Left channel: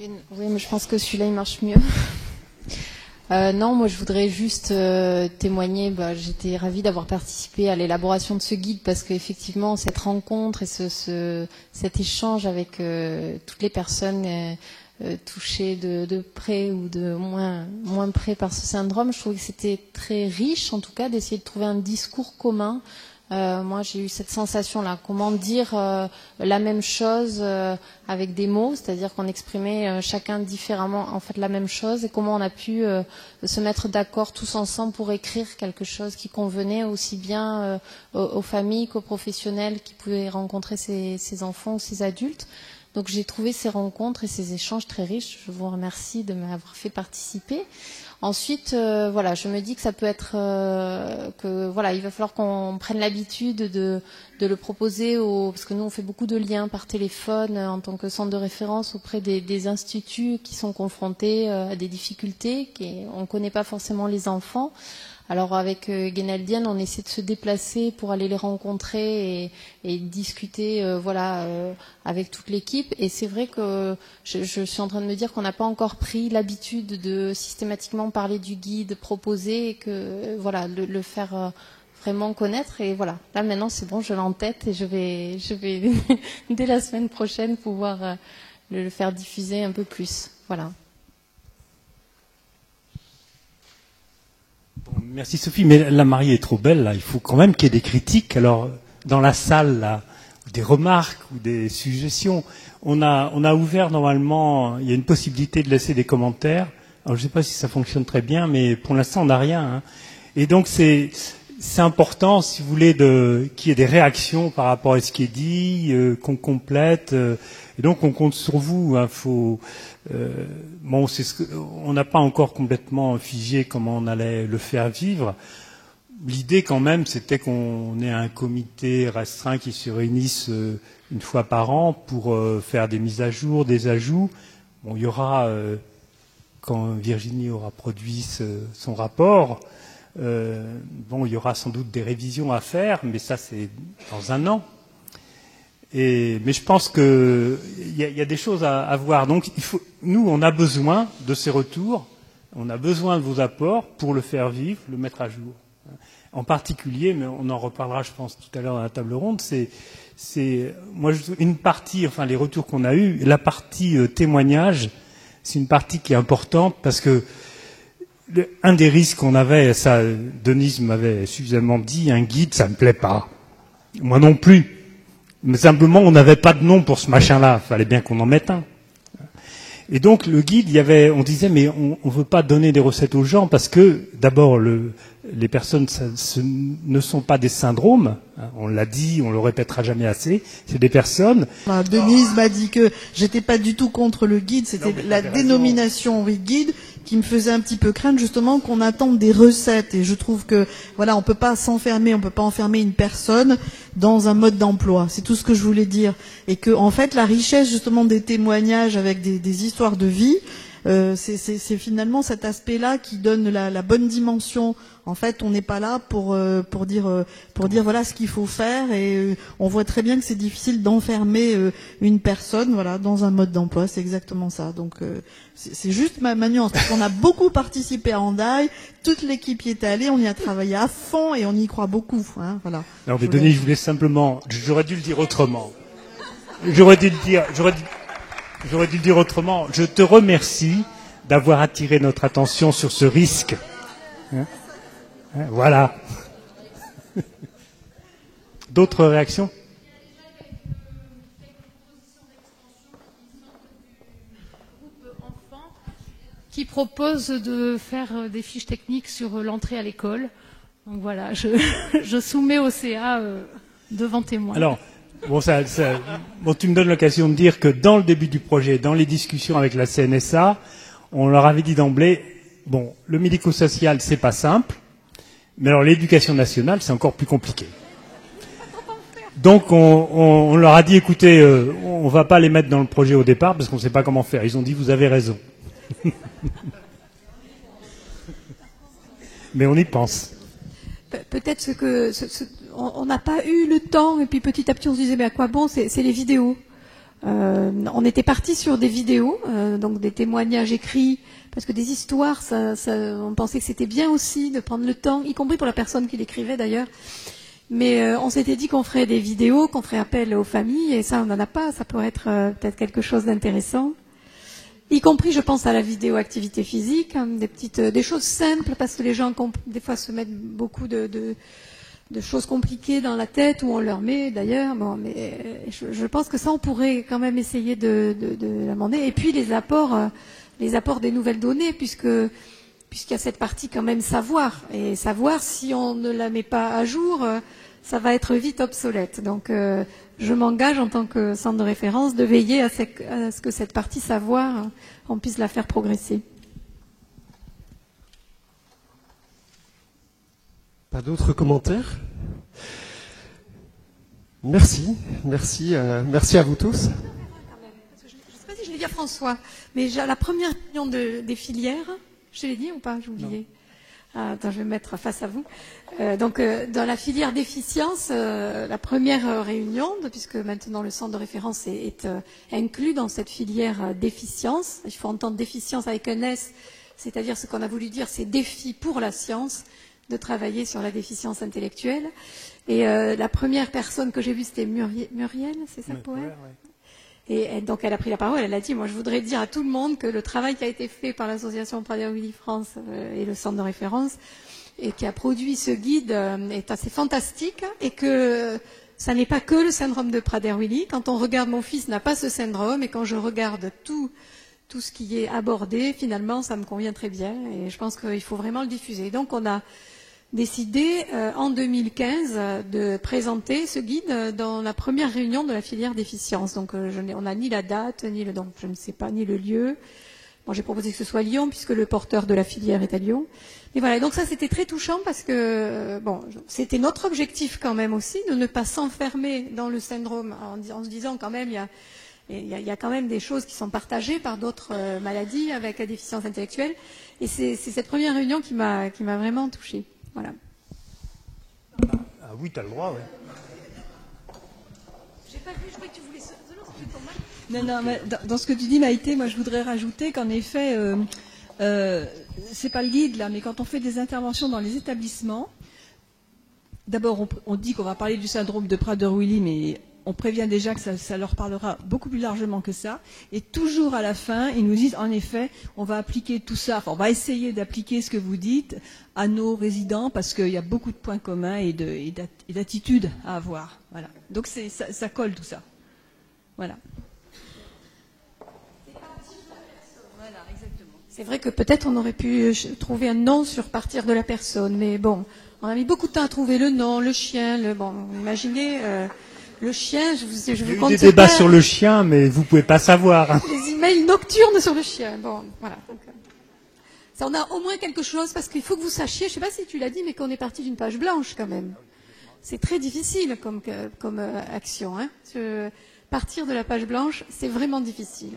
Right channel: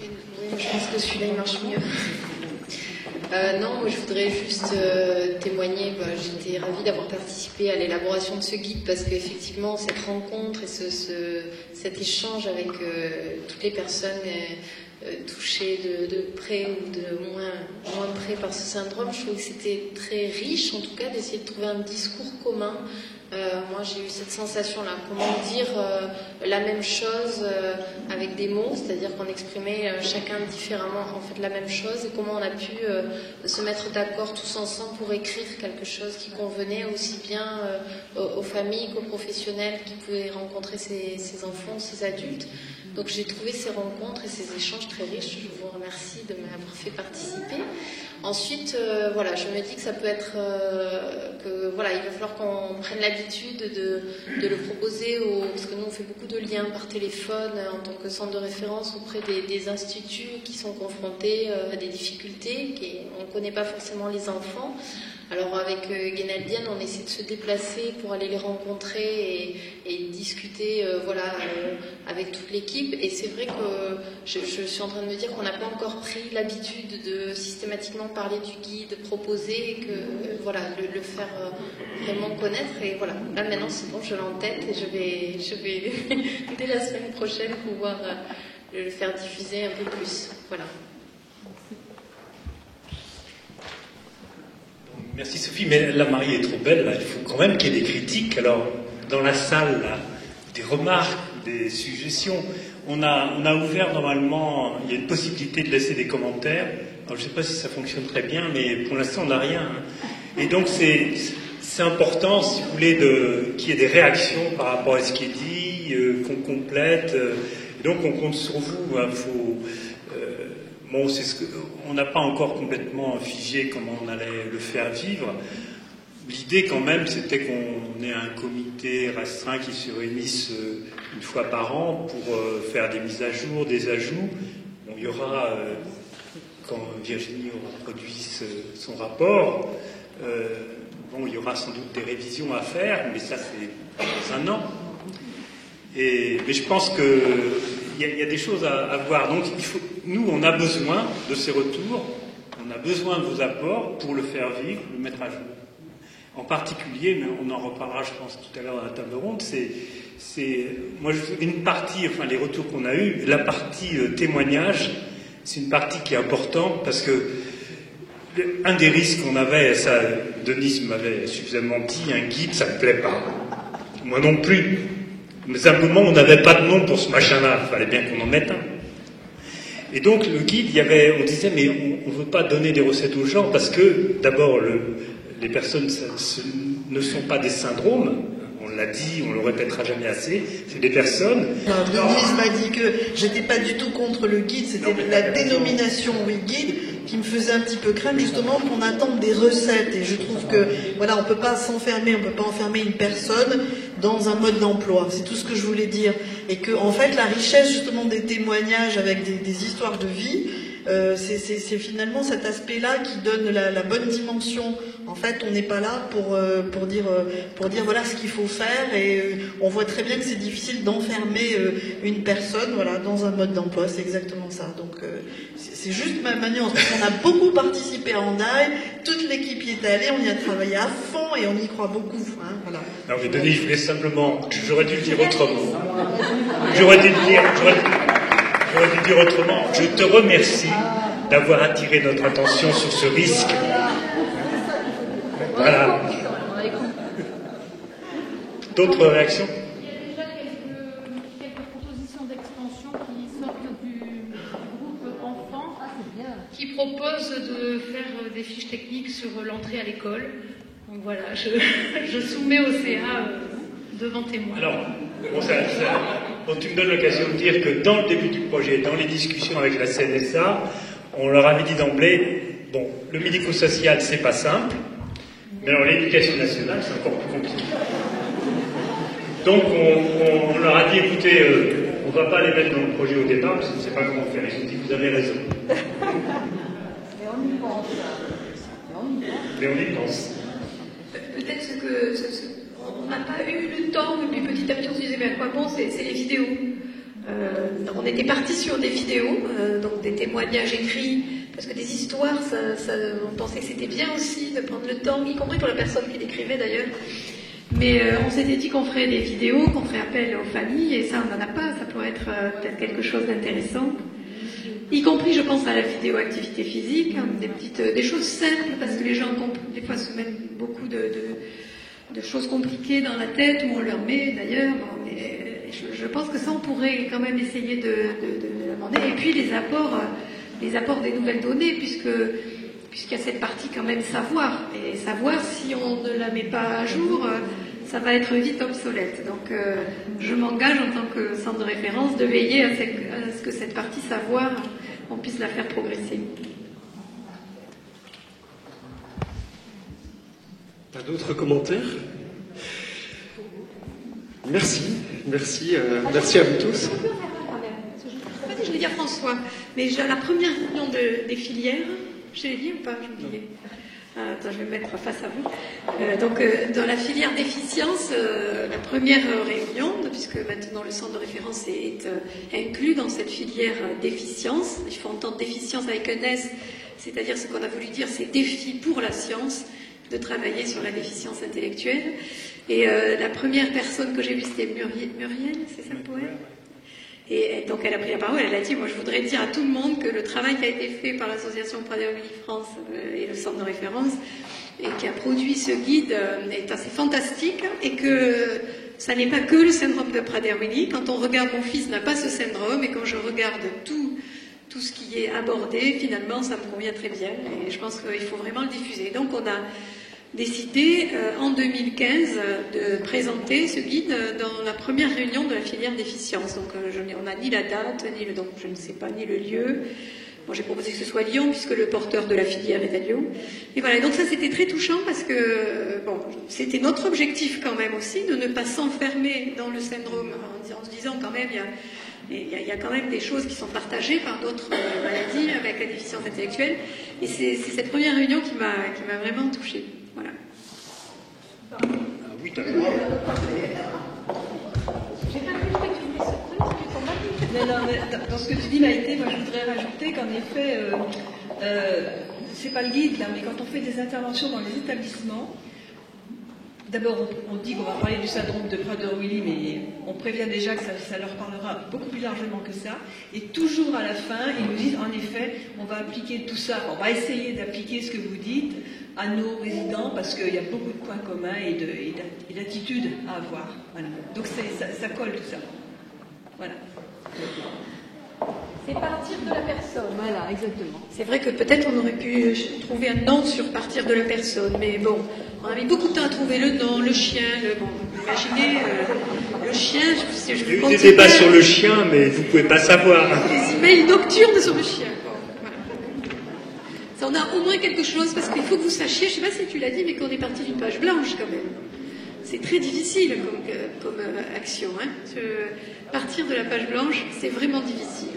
Oui, je pense que celui-là, il marche mieux. Non, moi je voudrais juste témoigner, j'étais ravie d'avoir participé à l'élaboration de ce guide parce qu'effectivement cette rencontre et cet échange avec toutes les personnes touchées de près ou de moins près par ce syndrome, je trouvais que c'était très riche en tout cas d'essayer de trouver un discours commun. Moi j'ai eu cette sensation-là, comment dire la même chose avec des mots, c'est-à-dire qu'on exprimait chacun différemment en fait la même chose et comment on a pu se mettre d'accord tous ensemble pour écrire quelque chose qui convenait aussi bien aux familles qu'aux professionnels qui pouvaient rencontrer ces enfants ou ces adultes. Donc j'ai trouvé ces rencontres et ces échanges très riches, je vous remercie de m'avoir fait participer. Ensuite, voilà, je me dis que ça peut être que voilà, il va falloir qu'on prenne l'habitude de le proposer parce que nous on fait beaucoup de liens par téléphone en tant que centre de référence auprès des instituts qui sont confrontés à des difficultés, on ne connaît pas forcément les enfants. Alors avec Guénaldienne, on essaie de se déplacer pour aller les rencontrer et discuter avec toute l'équipe. Et c'est vrai que je suis en train de me dire qu'on n'a pas encore pris l'habitude de systématiquement parler du guide proposé et que le faire vraiment connaître. Et voilà, là maintenant c'est bon, je l'ai en tête et je vais dès la semaine prochaine pouvoir le faire diffuser un peu plus. Voilà. Merci Sophie, mais la mariée est trop belle, là. Il faut quand même qu'il y ait des critiques. Alors, dans la salle, là, des remarques, des suggestions. On a ouvert normalement, il y a une possibilité de laisser des commentaires. Alors, je ne sais pas si ça fonctionne très bien, mais pour l'instant, on n'a rien. Hein. Et donc, c'est important, si vous voulez, qu'il y ait des réactions par rapport à ce qui est dit, qu'on complète. Et donc, on compte sur vous. Hein, Bon, on n'a pas encore complètement figé comment on allait le faire vivre. L'idée, quand même, c'était qu'on ait un comité restreint qui se réunisse une fois par an pour faire des mises à jour, des ajouts. Bon, il y aura, quand Virginie aura produit son rapport, il y aura sans doute des révisions à faire, mais ça, c'est dans un an. Mais je pense qu'il y a des choses à voir. Donc, nous, on a besoin de ces retours, on a besoin de vos apports pour le faire vivre, le mettre à jour. En particulier, mais on en reparlera, je pense, tout à l'heure à la table ronde, moi, une partie, enfin, les retours qu'on a eus, la partie témoignage, c'est une partie qui est importante parce que un des risques qu'on avait, ça, Denise m'avait suffisamment dit, un guide, ça ne me plaît pas. Moi non plus. Mais simplement, on n'avait pas de nom pour ce machin-là. Il fallait bien qu'on en mette un. Et donc, le guide, on disait, mais on ne veut pas donner des recettes aux gens parce que, d'abord, les personnes ne sont pas des syndromes. On l'a dit, on le répétera jamais assez. C'est des personnes. Denise m'a dit que j'étais pas du tout contre le guide. C'était la dénomination guide qui me faisait un petit peu craindre justement qu'on attende des recettes. Et je trouve que, voilà, on peut pas s'enfermer, on peut pas enfermer une personne dans un mode d'emploi. C'est tout ce que je voulais dire. Et que, en fait, la richesse justement des témoignages avec des histoires de vie, c'est finalement cet aspect-là qui donne la bonne dimension. En fait, on n'est pas là pour dire voilà ce qu'il faut faire et on voit très bien que c'est difficile d'enfermer une personne dans un mode d'emploi. C'est exactement ça. Donc c'est juste ma nuance parce qu'on a beaucoup participé à Hendaye, toute l'équipe y est allée, on y a travaillé à fond et on y croit beaucoup. Hein, voilà. Non, mais Denis, je voulais simplement, j'aurais dû le dire autrement. J'aurais dû dire autrement. Je te remercie d'avoir attiré notre attention sur ce risque. Voilà. D'autres réactions ? Il y a déjà quelques propositions d'extension qui sortent du groupe enfants, qui proposent de faire des fiches techniques sur l'entrée à l'école. Donc voilà, je soumets au CA devant témoin. Alors, tu me donnes l'occasion de dire que dans le début du projet, dans les discussions avec la CNSA, on leur avait dit d'emblée, bon, le médico-social, c'est pas simple, mais alors l'éducation nationale, c'est encore plus compliqué. Donc on leur a dit, écoutez, on ne va pas les mettre dans le projet au départ parce qu'on ne sait pas comment faire. Ils ont dit, vous avez raison. Mais on y pense. Peut-être on n'a pas eu le temps, et puis petit à petit on se disait, mais à quoi bon, c'est les vidéos. On était parti sur des vidéos, donc des témoignages écrits, parce que des histoires, on pensait que c'était bien aussi de prendre le temps, y compris pour la personne qui l'écrivait d'ailleurs. Mais on s'était dit qu'on ferait des vidéos, qu'on ferait appel aux familles, et ça on n'en a pas, ça pourrait être peut-être quelque chose d'intéressant. Y compris, je pense, à la vidéo activité physique, hein, des choses simples, parce que les gens, des fois, se mettent beaucoup de choses compliquées dans la tête, où on leur met d'ailleurs. Bon, mais je pense que ça, on pourrait quand même essayer de l'amender. Et puis les apports des nouvelles données, puisqu'il y a cette partie quand même savoir. Et savoir, si on ne la met pas à jour, ça va être vite obsolète. Donc je m'engage en tant que centre de référence de veiller à ce que cette partie savoir, on puisse la faire progresser. Pas d'autres commentaires? Merci à vous tous. Je ne sais pas si je l'ai dit à François, mais j'ai la première réunion des filières, je l'ai dit ou pas? Je me disais. Attends, je vais me mettre face à vous. Donc, dans la filière déficience, la première réunion, puisque maintenant le centre de référence est inclus dans cette filière déficience. Il faut entendre déficience avec un S, c'est-à-dire ce qu'on a voulu dire, c'est défi pour la science, de travailler sur la déficience intellectuelle. Et la première personne que j'ai vue, c'était Muriel, c'est ça pour elle? Et donc elle a pris la parole, elle a dit, moi je voudrais dire à tout le monde que le travail qui a été fait par l'association Prader-Willi France et le centre de référence, et qui a produit ce guide, est assez fantastique, et que ça n'est pas que le syndrome de Prader-Willi. Quand on regarde, mon fils n'a pas ce syndrome, et quand je regarde tout ce qui est abordé, finalement ça me convient très bien, et je pense qu'il faut vraiment le diffuser. Donc on a décidé en 2015 de présenter ce guide dans la première réunion de la filière déficience. Donc on n'a ni la date, donc je ne sais pas, ni le lieu. Moi j'ai proposé que ce soit Lyon, puisque le porteur de la filière est à Lyon. Et voilà, donc ça c'était très touchant, parce que c'était notre objectif quand même aussi, de ne pas s'enfermer dans le syndrome, en se disant quand même, il y a quand même des choses qui sont partagées par d'autres maladies avec la déficience intellectuelle. Et c'est cette première réunion qui m'a vraiment touchée. Voilà. Ah oui, t'as le droit. Non, mais dans ce que tu dis, Maïté, moi je voudrais rajouter qu'en effet, c'est pas le guide là, mais quand on fait des interventions dans les établissements, d'abord on dit qu'on va parler du syndrome de Prader-Willi, mais on prévient déjà que ça leur parlera beaucoup plus largement que ça. Et toujours à la fin, ils nous disent, en effet, on va appliquer tout ça, on va essayer d'appliquer ce que vous dites à nos résidents, parce qu'il y a beaucoup de points communs et d'attitudes à avoir. Voilà. Donc ça colle tout ça. Voilà. C'est partir de la personne. Voilà, exactement. C'est vrai que peut-être on aurait pu trouver un nom sur partir de la personne, mais bon, on a mis beaucoup de temps à trouver le nom, le chien, imaginez, le chien, Il y a eu des débats sur le chien, mais vous ne pouvez pas savoir. Les emails nocturnes sur le chien. Bon, voilà. Ça, on a au moins quelque chose, parce qu'il faut que vous sachiez, je ne sais pas si tu l'as dit, mais qu'on est parti d'une page blanche quand même. C'est très difficile comme action. Hein. Partir de la page blanche, c'est vraiment difficile.